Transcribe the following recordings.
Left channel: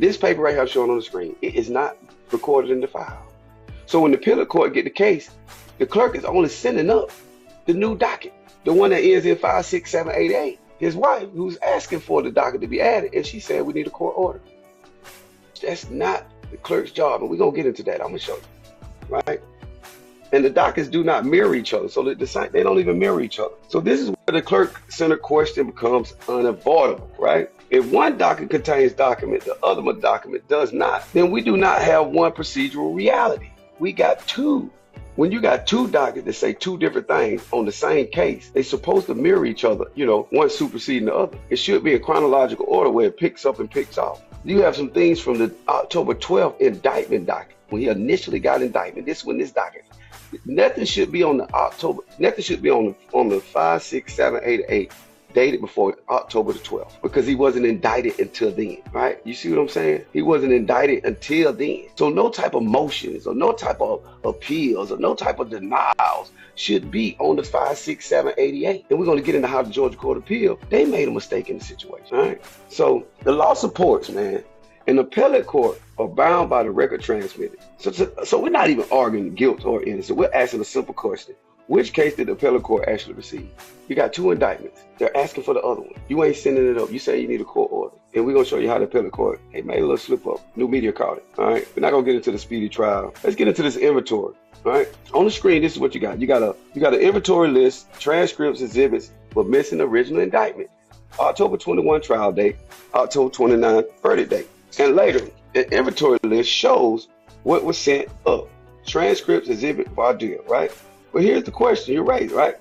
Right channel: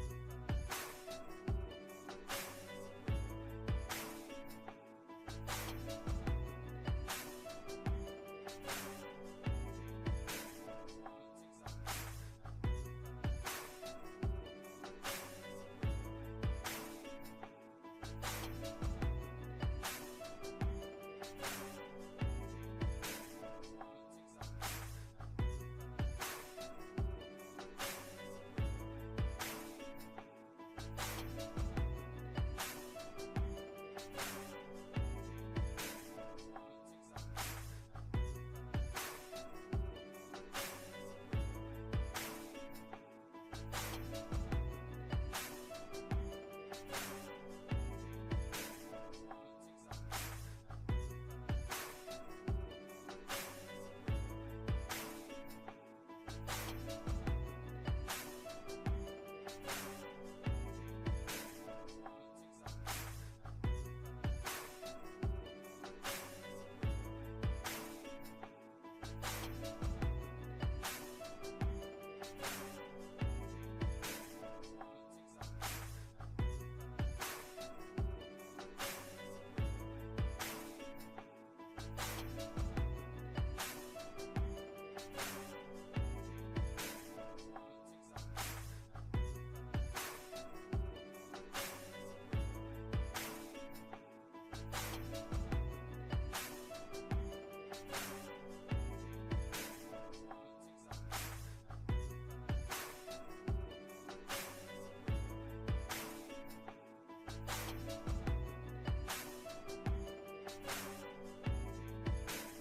This paper right here shown on the screen, it is not recorded in the file. So when the appellate court get the case, the clerk is only sending up the new docket, the one that ends in 56788. His wife, who's asking for the docket to be added, and she said we need a court order. That's not the clerk's job, and we're gonna get into that. I'm gonna show you, right? And the dockets do not mirror each other, so that they don't even mirror each other. So this is where the clerk-centered question becomes unavoidable, right? If one docket contains document, the other document does not, then we do not have one procedural reality. We got two. When you got two dockets that say two different things on the same case, they're supposed to mirror each other, you know, one superseding the other. It should be a chronological order where it picks up and picks off. You have some things from the October 12th indictment docket, when he initially got indictment. This one, this docket. Nothing should be on the October, nothing should be on the 56788 dated before October the 12th, because he wasn't indicted until then, right? You see what I'm saying? He wasn't indicted until then. So no type of motions or no type of appeals or no type of denials should be on the 56788. And we're going to get into how the Georgia Court of Appeal, they made a mistake in the situation, all right? So the law supports, man, an appellate court are bound by the record transmitted. So we're not even arguing guilt or innocence. We're asking a simple question. Which case did the appellate court actually receive? You got two indictments. They're asking for the other one. You ain't sending it up. You say you need a court order. And we're going to show you how the appellate court, hey, made a little slip up. New media caught it. All right. We're not going to get into the speedy trial. Let's get into this inventory. All right. On the screen, this is what you got. You got an inventory list, transcripts, exhibits, but missing the original indictment. October 21 trial date, October 29 verdict date. And later, the inventory list shows what was sent up. Transcripts, exhibit, voir dire, right? But here's the question you raised, right?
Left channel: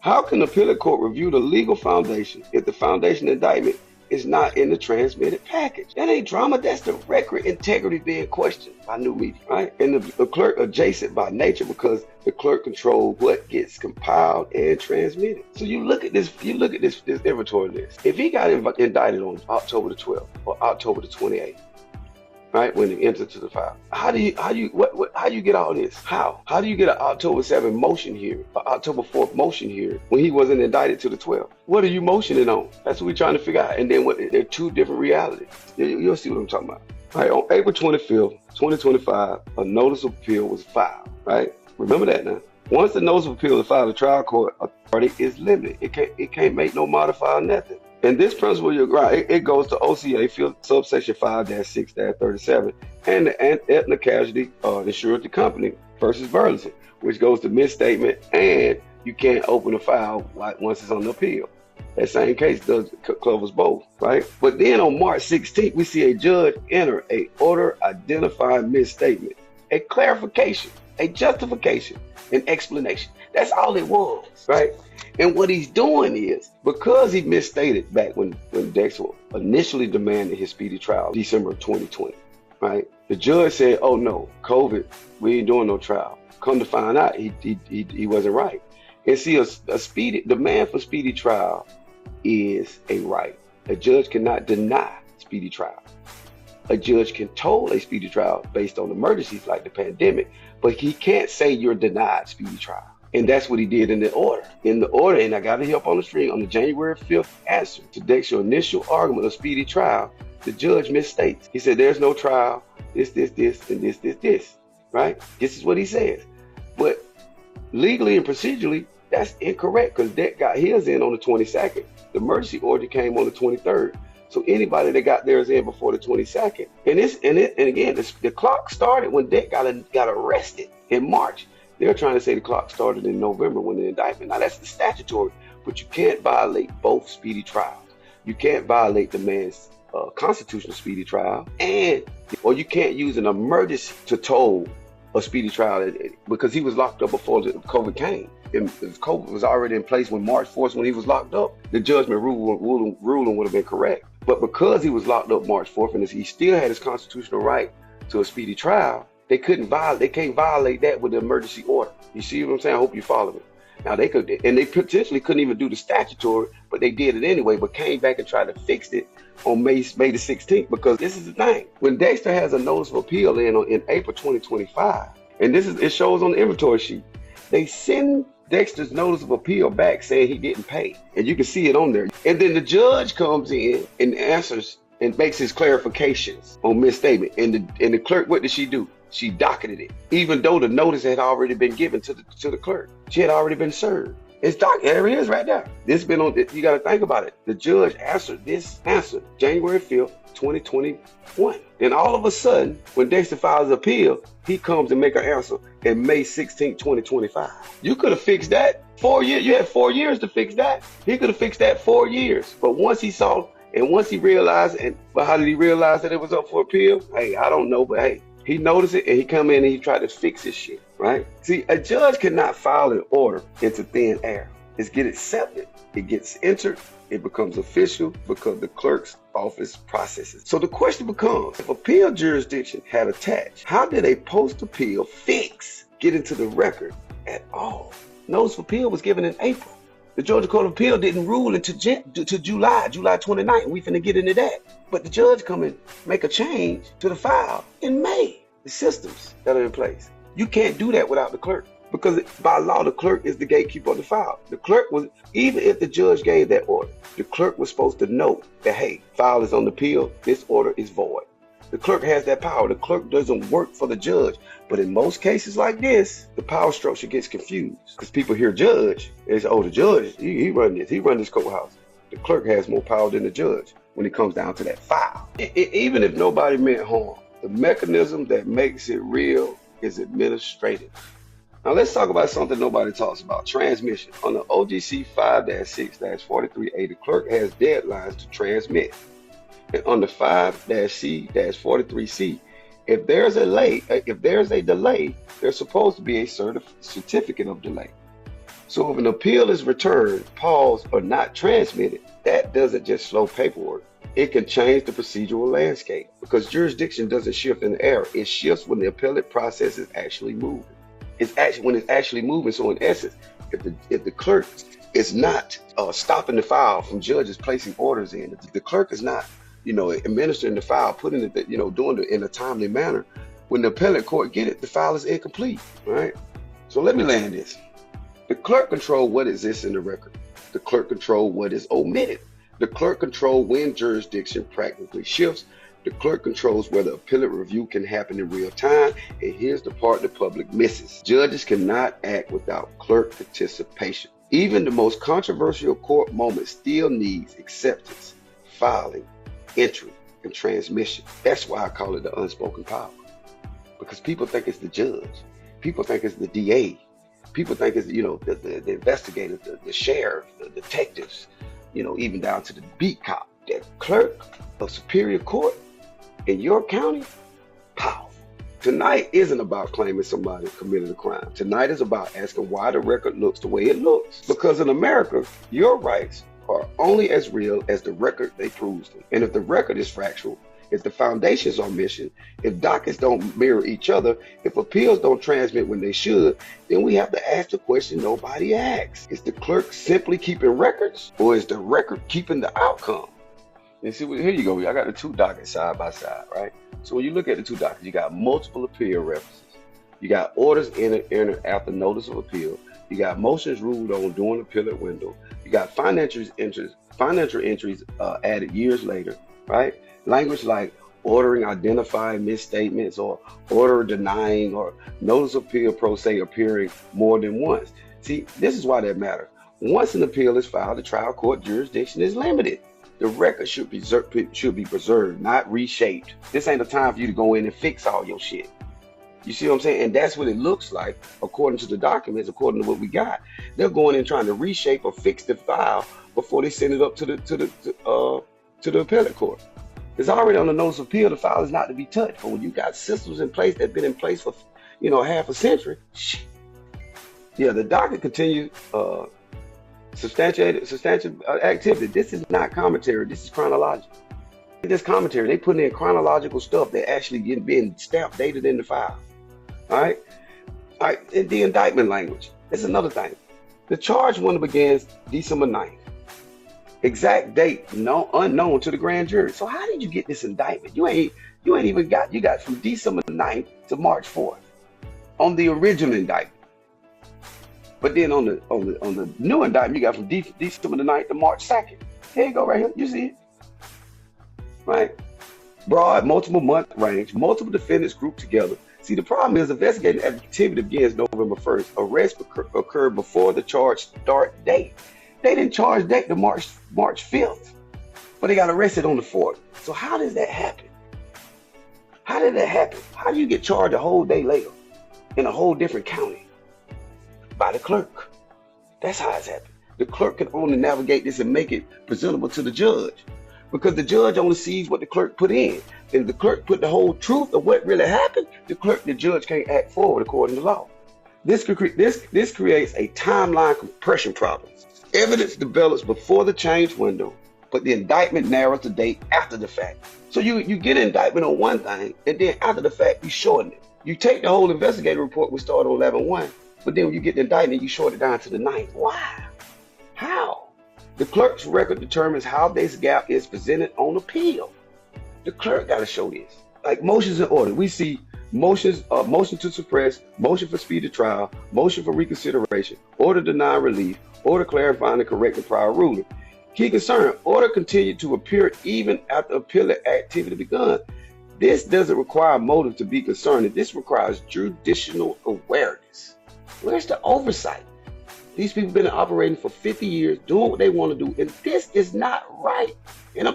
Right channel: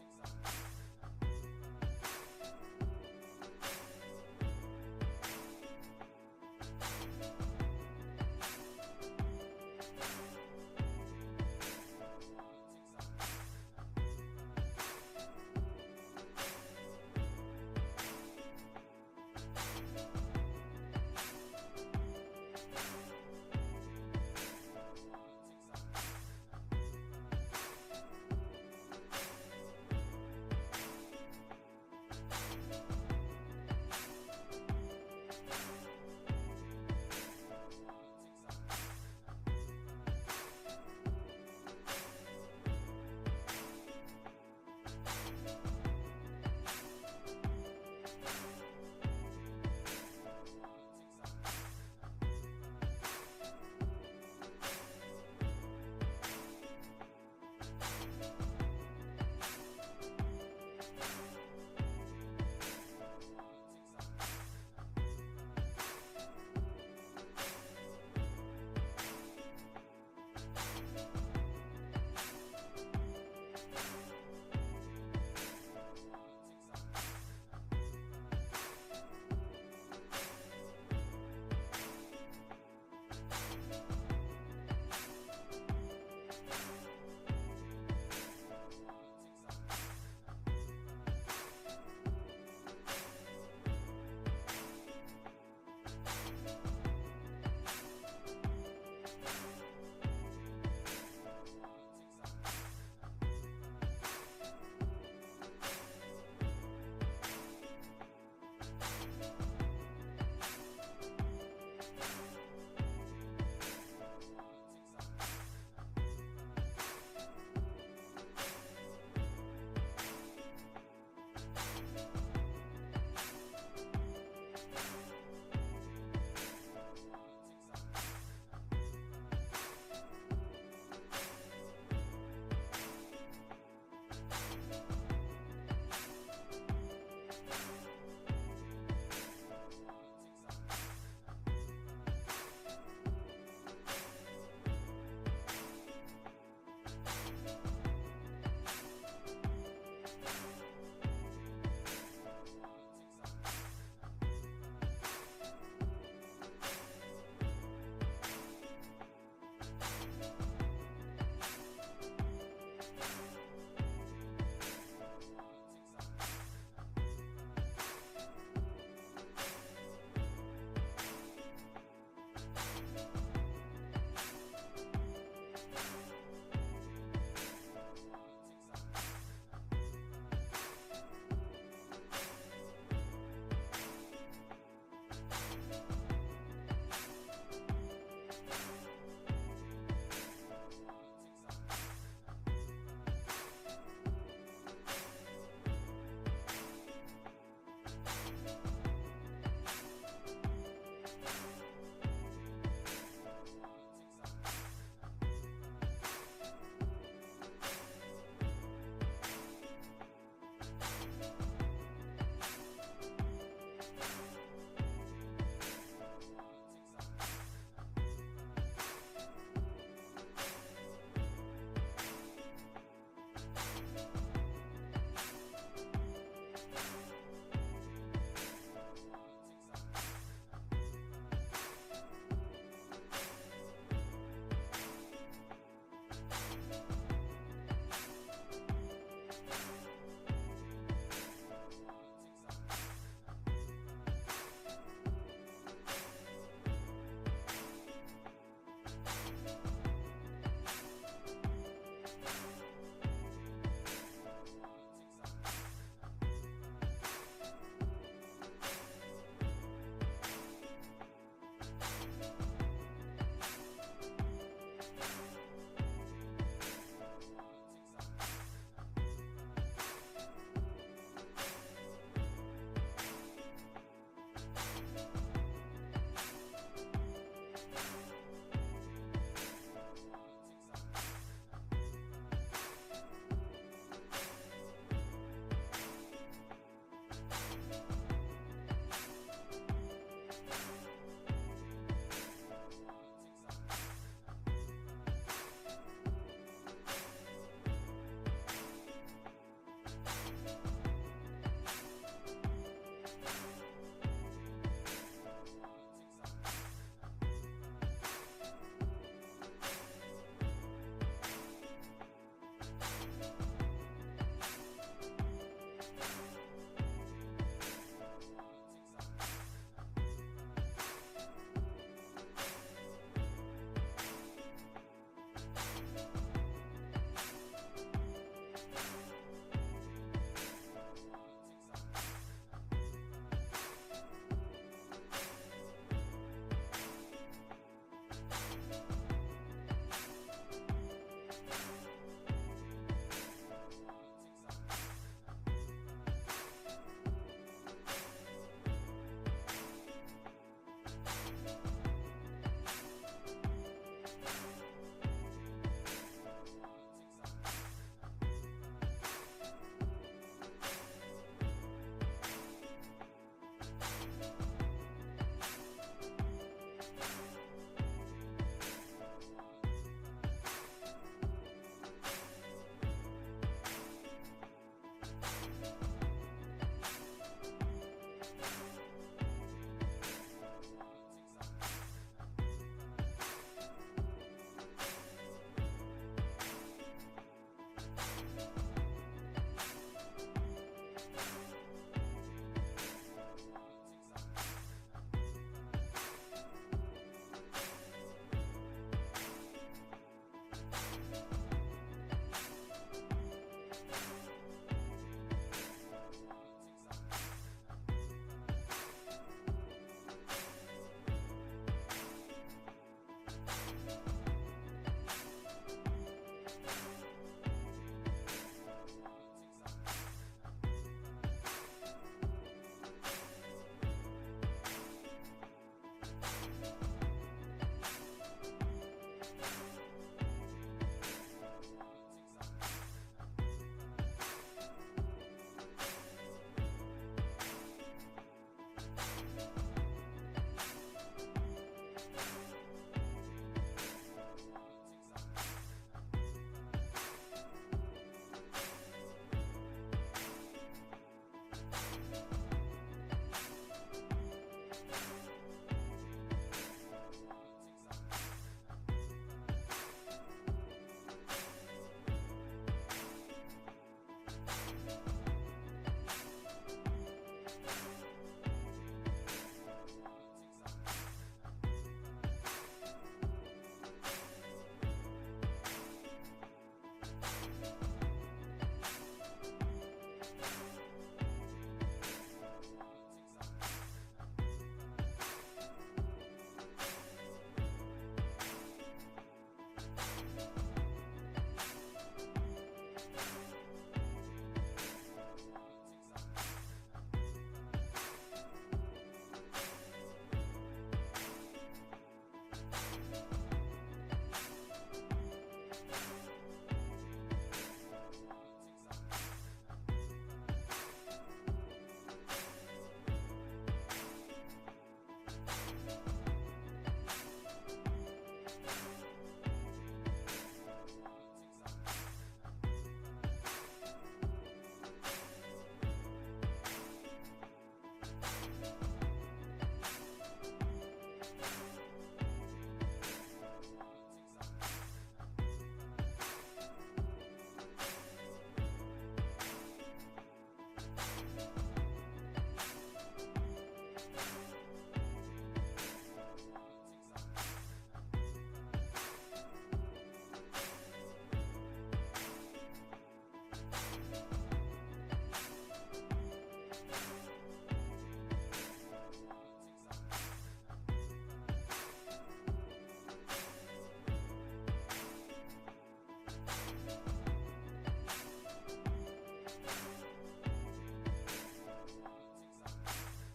How can the appellate court review the legal foundation if the foundation indictment is not in the transmitted package? That ain't drama. That's the record integrity being questioned by new media, right? And the clerk adjacent by nature, because the clerk controls what gets compiled and transmitted. So you look at this inventory list. If he got indicted on October the 12th or October the 28th, right, when they enter to the file, how do you get all this? How do you get an October 7th motion here, or October 4th motion here, when he wasn't indicted to the 12th? What are you motioning on? That's what we're trying to figure out. And then they're two different realities. You'll see what I'm talking about. All right, on April 25th, 2025, a notice of appeal was filed, right? Remember that now. Once the notice of appeal is filed, the trial court authority is limited. It can't make no modifier, nothing. And this principle, you're right, it goes to OCA subsection 5-6-37 and the Aetna Casualty Insurance Company versus Burleson, which goes to misstatement, and you can't open a file once it's on the appeal. That same case covers both, right? But then on March 16th, we see a judge enter a order identifying misstatement, a clarification, a justification, an explanation. That's all it was, right? And what he's doing is, because he misstated back when Dexter initially demanded his speedy trial, December of 2020, right? The judge said, oh no, COVID, we ain't doing no trial. Come to find out, he wasn't right. And see, a speedy demand for speedy trial is a right. A judge cannot deny speedy trial. A judge can toll a speedy trial based on emergencies like the pandemic, but he can't say you're denied speedy trial. And that's what he did in the order. In the order, and I got it up on the screen, on the January 5th answer to Dexter's initial argument of speedy trial, the judge misstates. He said there's no trial, this, and this, right? This is what he says. But legally and procedurally, that's incorrect, because Dex got his in on the 22nd. The emergency order came on the 23rd. So anybody that got theirs in before the 22nd. And again, the clock started when Dex got arrested in March. They're trying to say the clock started in November when the indictment. Now that's the statutory, but you can't violate both speedy trials. You can't violate the man's constitutional speedy trial, or you can't use an emergency to toll a speedy trial, because he was locked up before the COVID came. If COVID was already in place when March 4th, when he was locked up, the judgment ruling would have been correct. But because he was locked up March 4th and he still had his constitutional right to a speedy trial, they can't violate that with the emergency order. You see what I'm saying? I hope you follow me. Now they potentially couldn't even do the statutory, but they did it anyway, but came back and tried to fix it on May the 16th, because this is the thing. When Dexter has a notice of appeal in April 2025, and it shows on the inventory sheet, they send Dexter's notice of appeal back saying he getting paid, and you can see it on there. And then the judge comes in and answers and makes his clarifications on misstatement. And the clerk, what did she do? She docketed it, even though the notice had already been given to the clerk. She had already been served. It's there it is right there. This been on. You got to think about it. The judge answered this answer January 5th, 2021. Then all of a sudden, when Dexter files appeal, he comes and make an answer in May 16th, 2025. You could have fixed that 4 years. You had 4 years to fix that. He could have fixed that 4 years. But once he saw and once he realized, but how did he realize that it was up for appeal? Hey, I don't know, but hey, he noticed it and he come in and he tried to fix his shit, right? See, a judge cannot file an order into thin air. It's get accepted, it gets entered, it becomes official because the clerk's office processes. So the question becomes, if appeal jurisdiction had attached, how did a post-appeal fix get into the record at all? Notice of appeal was given in April. The Georgia Court of Appeal didn't rule until July 29th, and we finna get into that. But the judge come and make a change to the file in May. The systems that are in place. You can't do that without the clerk, because by law, the clerk is the gatekeeper of the file. The clerk was, even if the judge gave that order, the clerk was supposed to know that, hey, file is on the appeal, this order is void. The clerk has that power. The clerk doesn't work for the judge. But in most cases like this, the power structure gets confused because people hear judge and say, oh, the judge, he run this courthouse. The clerk has more power than the judge when it comes down to that file. Even if nobody meant harm, the mechanism that makes it real is administrative. Now let's talk about something nobody talks about, transmission. On the OGC 5-6-43A, the clerk has deadlines to transmit. And on the 5-C-43C, if there's a delay, there's supposed to be a certificate of delay. So if an appeal is returned, paused, or not transmitted, that doesn't just slow paperwork. It can change the procedural landscape because jurisdiction doesn't shift in the air. It shifts when the appellate process is actually moving. When it's actually moving. So in essence, if the clerk is not stopping the file from judges placing orders in, if the clerk is not administering the file, putting it, doing it in a timely manner, when the appellate court get it, the file is incomplete, right? So let me land this. The clerk controls what exists in the record. The clerk controls what is omitted. The clerk controls when jurisdiction practically shifts. The clerk controls whether appellate review can happen in real time. And here's the part the public misses. Judges cannot act without clerk participation. Even the most controversial court moment still needs acceptance, filing, entry, and transmission. That's why I call it the unspoken power. Because people think it's the judge. People think it's the DA. People think it's, the investigators, the sheriff, the detectives, even down to the beat cop. That clerk of Superior Court in your county, powerful. Tonight isn't about claiming somebody committed a crime. Tonight is about asking why the record looks the way it looks. Because in America, your rights are only as real as the record they proves them. And if the record is factual, if the foundations are missing, if dockets don't mirror each other, if appeals don't transmit when they should, then we have to ask the question nobody asks. Is the clerk simply keeping records, or is the record keeping the outcome? And see, here you go. I got the two dockets side by side, right? So when you look at the two dockets, you got multiple appeal references. You got orders entered after notice of appeal. You got motions ruled on during the appellate window. You got financial entries added years later, right? Language like ordering identifying misstatements or order denying or notice of appeal pro se appearing more than once. See, this is why that matters. Once an appeal is filed, the trial court jurisdiction is limited. The record should be preserved, not reshaped. This ain't the time for you to go in and fix all your shit. You see what I'm saying? And that's what it looks like, according to the documents, according to what we got. They're going in trying to reshape or fix the file before they send it up to the appellate court. It's already on the notice of appeal. The file is not to be touched. But when you got systems in place that've been in place for half a century, yeah, the docket continues substantial activity. This is not commentary. This is chronological. This commentary, they put in chronological stuff that actually being stamped, dated in the file. All right. And the indictment language. That's another thing. The charge window begins December 9th. Exact date unknown to the grand jury. So how did you get this indictment? You got from December 9th to March 4th on the original indictment. But then on the new indictment, you got from December the 9th to March 2nd. Here you go, right here. You see it. right? Broad, multiple month range, multiple defendants grouped together. See, the problem is investigating activity begins November 1st. Arrest occurred before the charge start date. They didn't charge date to March 5th, but they got arrested on the 4th. So how does that happen? How did that happen? How do you get charged a whole day later in a whole different county? By the clerk. That's how it's happened. The clerk can only navigate this and make it presentable to the judge, because the judge only sees what the clerk put in. If the clerk put the whole truth of what really happened, the judge can't act forward according to law. This creates a timeline compression problem. Evidence develops before the change window, but the indictment narrows the date after the fact. So you get an indictment on one thing, and then after the fact, you shorten it. You take the whole investigative report, we started on 11/1, but then when you get the indictment, you short it down to the 9th. Why? How? The clerk's record determines how this gap is presented on appeal. The clerk got to show this. Like motions in order, we see motions, motion to suppress, motion for speedy trial, motion for reconsideration, order denying relief, order clarifying and correcting prior ruling. Key concern, order continued to appear even after appellate activity begun. This doesn't require motive to be concerned. This requires judicial awareness. Where's the oversight? These people have been operating for 50 years, doing what they want to do, and this is not right. And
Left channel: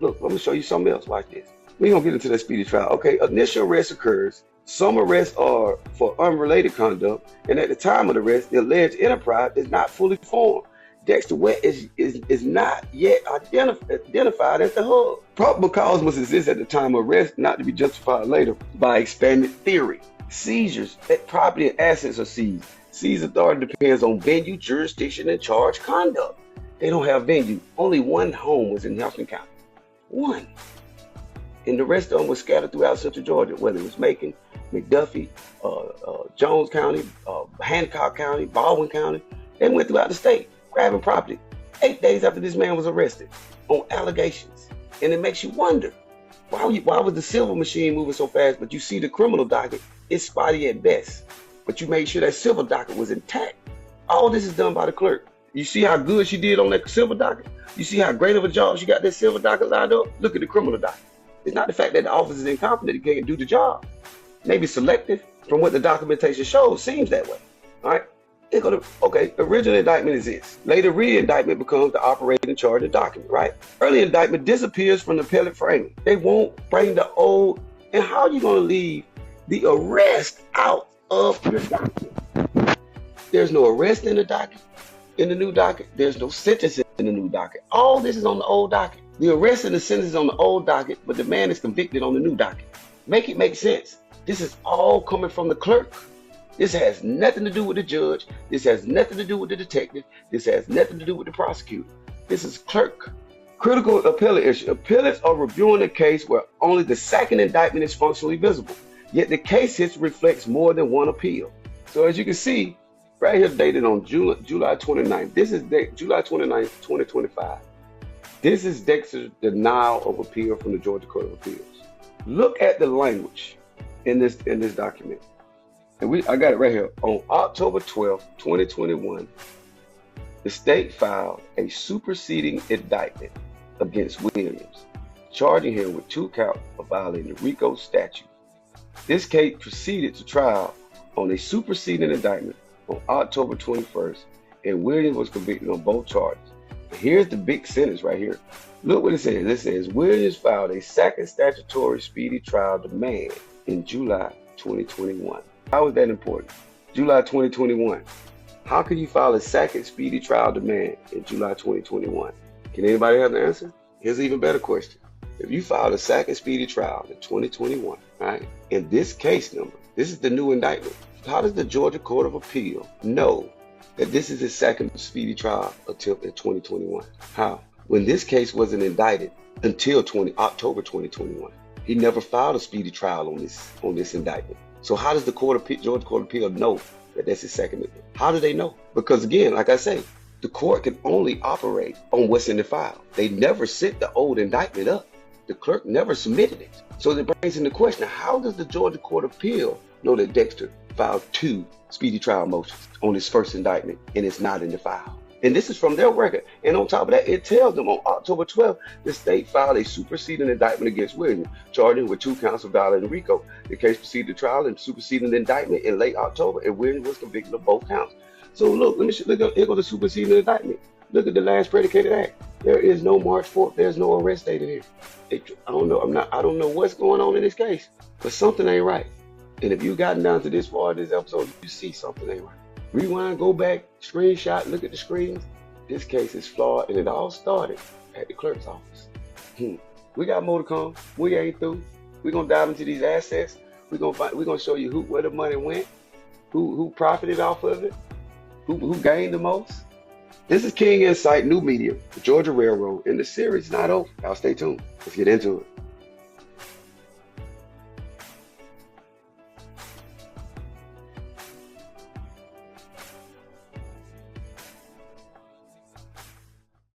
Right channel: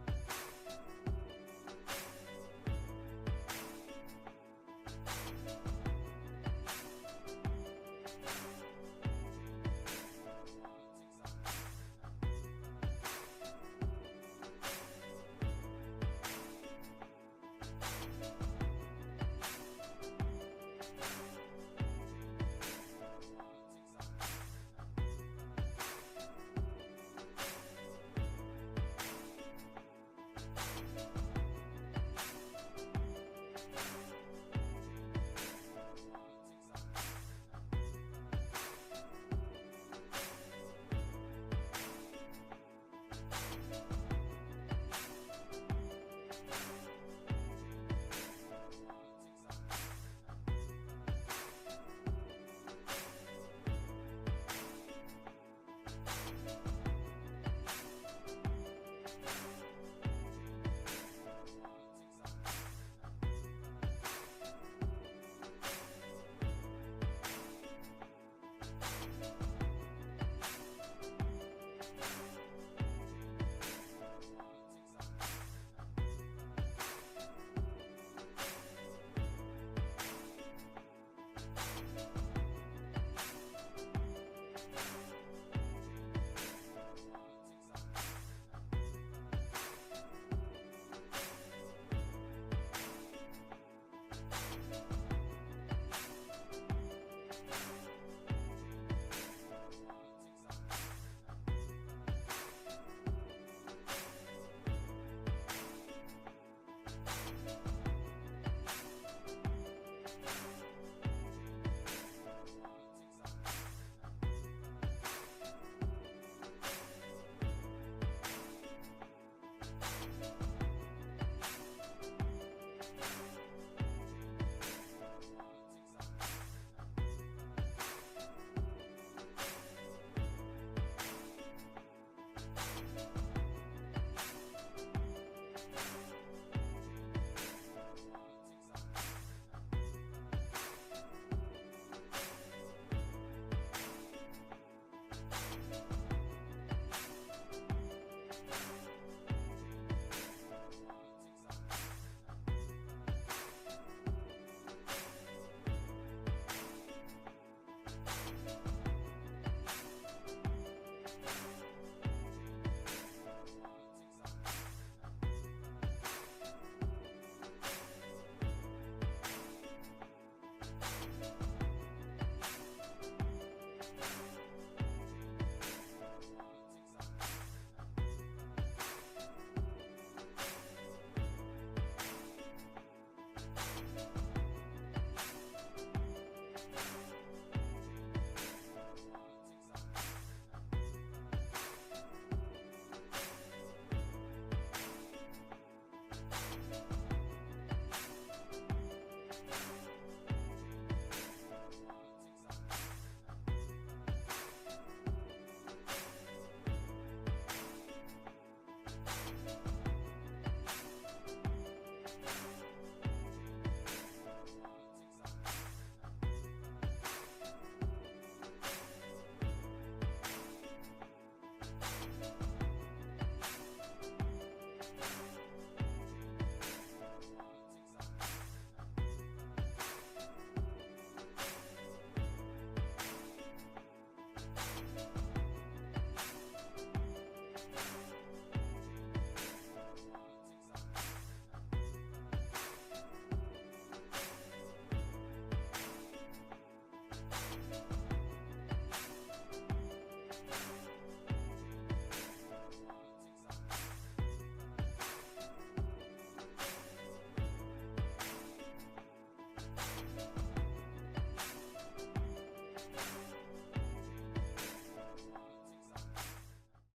look, let me show you something else like this. We're going to get into that speedy trial. Okay, initial arrest occurs. Some arrests are for unrelated conduct, and at the time of the arrest, the alleged enterprise is not fully formed. Dexter Wet is not yet identified as the hub. Probable cause must exist at the time of arrest, not to be justified later by expanded theory. Seizures, that property and assets are seized. Seized authority depends on venue, jurisdiction, and charge conduct. They don't have venue. Only one home was in Houston County. One. And the rest of them were scattered throughout Central Georgia, whether it was Macon, McDuffie, Jones County, Hancock County, Baldwin County. They went throughout the state, grabbing property 8 days after this man was arrested on allegations. And it makes you wonder, why was the civil machine moving so fast, but you see the criminal docket, it's spotty at best. But you made sure that civil docket was intact. All this is done by the clerk. You see how good she did on that civil docket? You see how great of a job she got that civil docket lined up? Look at the criminal docket. It's not the fact that the officer is incompetent, he can't do the job. Maybe selective, from what the documentation shows, seems that way. All right? Okay, the original indictment is this. Later, re-indictment becomes the operating charge of document, right? Early indictment disappears from the appellate framing. They won't bring the old, and how are you going to leave the arrest out of your document? There's no arrest in the docket, in the new docket. There's no sentencing in the new docket. All this is on the old docket. The arrest and the sentence is on the old docket, but the man is convicted on the new docket. Make it make sense. This is all coming from the clerk. This has nothing to do with the judge. This has nothing to do with the detective. This has nothing to do with the prosecutor. This is clerk. Critical appellate issue. Appellates are reviewing a case where only the second indictment is functionally visible, yet the case history reflects more than one appeal. So as you can see, right here dated on July 29th. This is July 29th, 2025. This is Dexter's denial of appeal from the Georgia Court of Appeals. Look at the language in this document. And I got it right here. On October 12th, 2021, the state filed a superseding indictment against Williams, charging him with 2 counts of violating the RICO statute. This case proceeded to trial on a superseding indictment on October 21st, and Williams was convicted on both charges. Here's the big sentence right here. Look what it says. It says, Williams filed a second statutory speedy trial demand in July 2021. How is that important? July 2021. How can you file a second speedy trial demand in July 2021? Can anybody have the answer? Here's an even better question. If you filed a second speedy trial in 2021, right? In this case number, this is the new indictment. How does the Georgia Court of Appeal know that this is his second speedy trial until in 2021? How? When this case wasn't indicted until October 2021. He never filed a speedy trial on this indictment. So how does the Georgia Court of Appeal know that that's his second? How do they know? Because again, like I say, the court can only operate on what's in the file. They never sent the old indictment up. The clerk never submitted it. So it brings into question, how does the Georgia Court of Appeal know that Dexter filed 2 speedy trial motions on his first indictment and it's not in the file? And this is from their record. And on top of that, it tells them on October 12th, the state filed a superseding indictment against Williams, charging him with 2 counts of violating RICO. The case proceeded to trial and superseding indictment in late October, and Williams was convicted of both counts. So look, here goes the superseding indictment. Look at the last predicated act. There is no March 4th. There's no arrest date in here. I don't know. I don't know what's going on in this case, but something ain't right. And if you gotten down to this far of this episode, you see something ain't right. Rewind, go back, screenshot, look at the screens. This case is flawed, and it all started at the clerk's office. We got more to come. We ain't through. We're gonna dive into these assets. We're gonna show you where the money went, who profited off of it, who gained the most. This is King Insight, new medium, the Georgia Railroad, and the series not over. Y'all stay tuned. Let's get into it.